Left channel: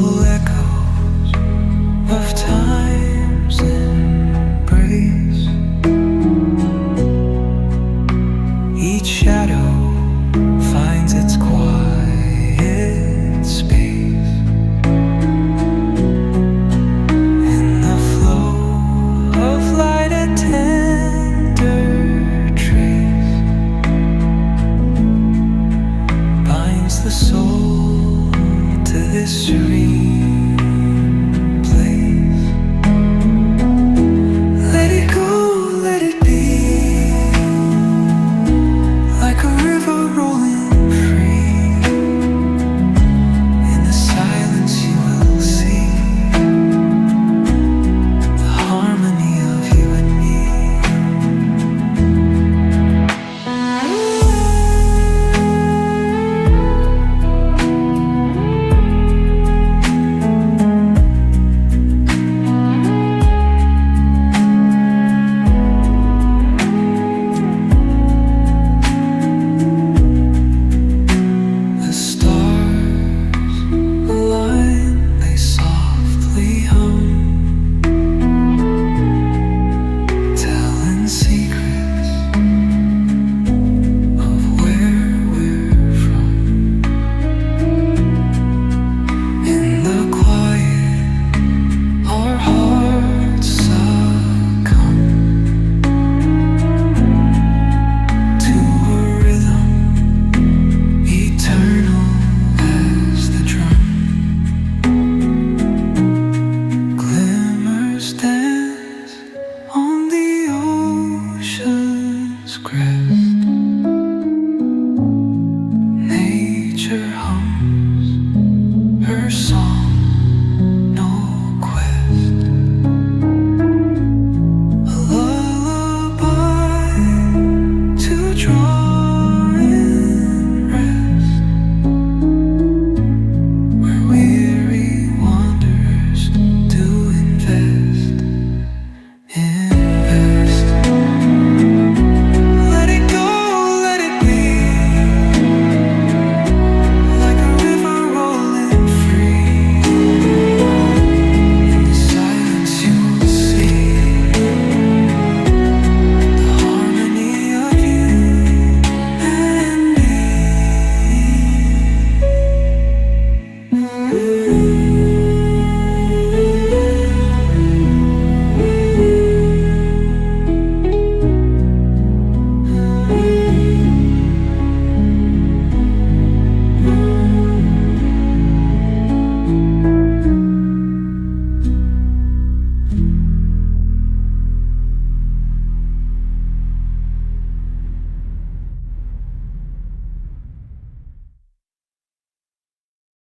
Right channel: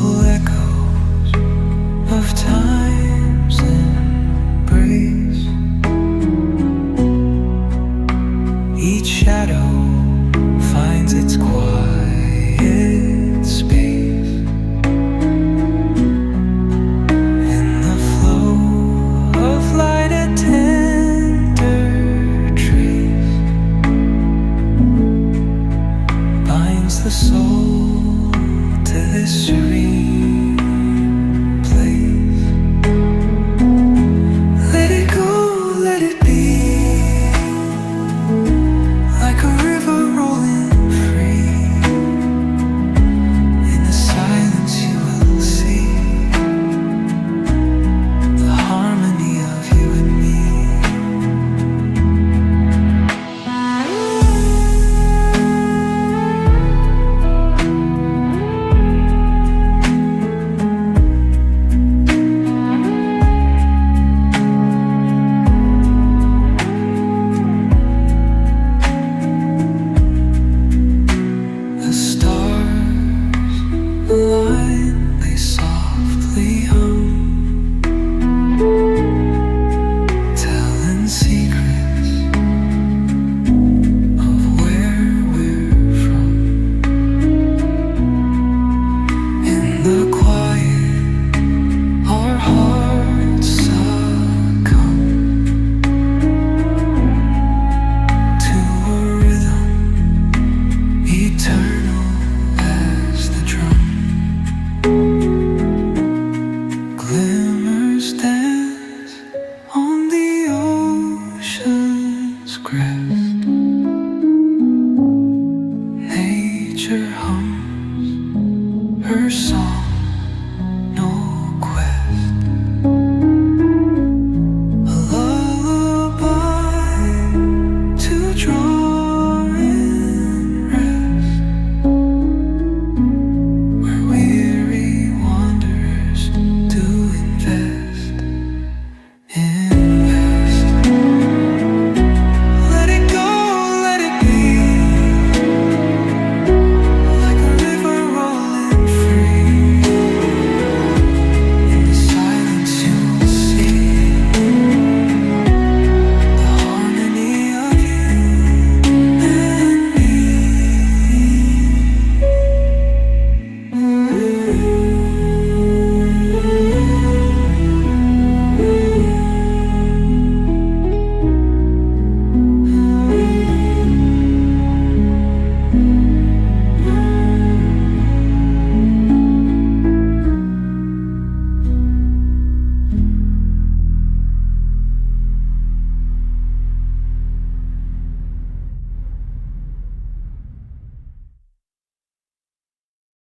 Gentle echoes of time's embrace. Each shadow finds its quiet space. In the flow of light, a tender trace binds the soul to this serene place. Let it go, let it be, like a river rolling free. In the silence you will see the harmony of you and me. The stars align, they softly hum.